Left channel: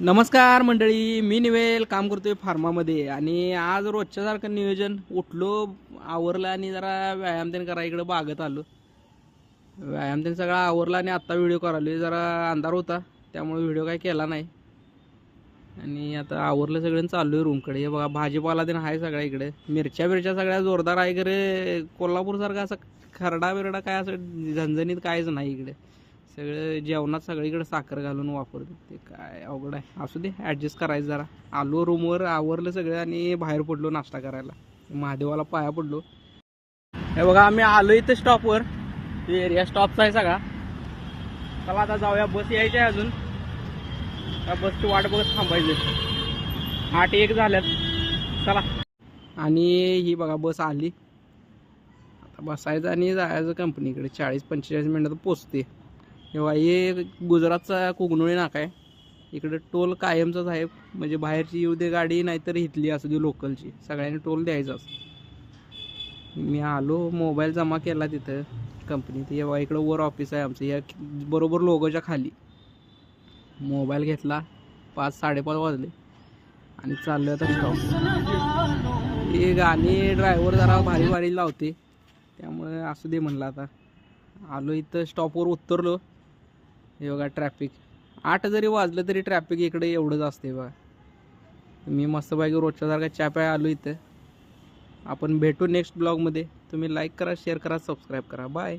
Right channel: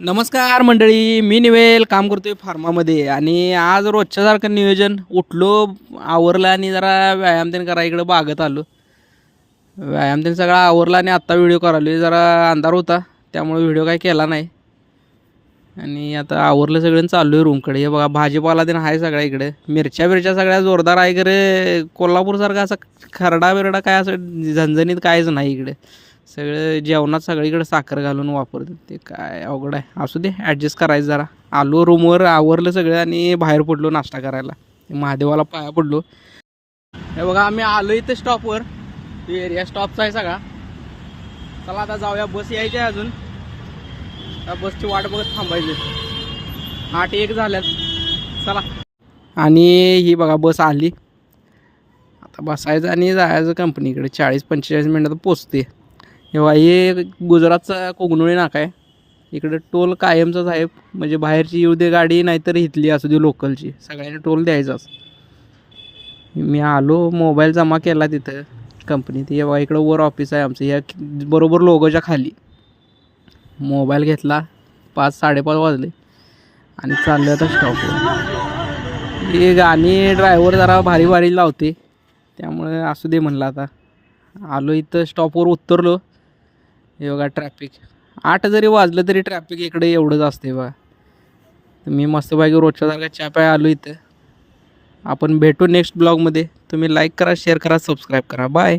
नमस्कार मंडळी, मी निवेल काम करतोय फार्मामध्ये आणि आज रोजच्यासारखं नियोजन उठलो, आवरलं आणि जरा व्यायाम त्यानं करा इकडं बागत आलो. व्यायाम त्यानं सगळा आवरला आणि आत्ता व्हिडिओ करायलो. जरा अंधार होता त्यामुळे व्हिडिओ काही केला नाही आणि आता आवरलं सगळं चाललो आहे रूमकडे. हे बघा भाजीपाला त्यानं आहे सगळ्या इकडे. मिरच्या सगळ्या जोरदार आहे, खरं कोल्हापूरसारखा असा खरडा बिरडा काय असं झणझणीत कायच नाही इकडे. सगळं जेवणात सगळीकडे साखर घालून वापरतात, ते काय अवघड आहे. असू दे, ॲडजस्ट करायचं जरा. आलो रूमवर, आवरलं सगळं आणि बाहेर पडलो नाश्ता करायला. महादेवाला पाया पडलो. हे बघा आम्ही आलो इथं स्टॉपवर. एरिया स्टॉपचा आहे सगळा. चला आता जाऊया, बस यायची आहे अजून. त्या बसची वाट बघत थांबायचं. 8:01 झाल्यात. चला. आणि ही बघा बस आली. आता बसायचं आणि जायचं कंपनीकडे. 40-45 मिनिटात पोचते. तेव्हा हे गुजरातचा कोगनोळी नाका आहे. इकडे टोल कायमचाच आहे, म्हणजे बाहेरची येऊ दे गाडी नाहीतर इथली असू दे लोकलची, सगळ्यांनी टोल द्यायचाच. मी आलो, मोबाईल जमा केला तिथं कंपनीत. हे बघा इकडं वर ऑफिस आहे आमचं, या बरोबर लोगोच्या खाली. मोबाईल घेतला, 5-5:30 वाजले आणि चाललं आता स्टॉपवर. हे गाणी ड्रायव्हर जरा भारी भारी लावते, त्यामुळे असू दे म्हणलं. आता आलो इथं स्टॉपवर उतरलो. हे बघा ट्रॅफिक. 8 जरी वाजलं तरी ट्रॅफिक इकडे एवढंच असते बघा. मी मस्तपैकी रोजच्यासारखा चहा प्याय आलो इथं. आपण भेटू नेक्स्ट ब्लॉगमध्ये. तुम्ही लाईक करा, शेअर करा, सबस्क्राईब करा. बाय.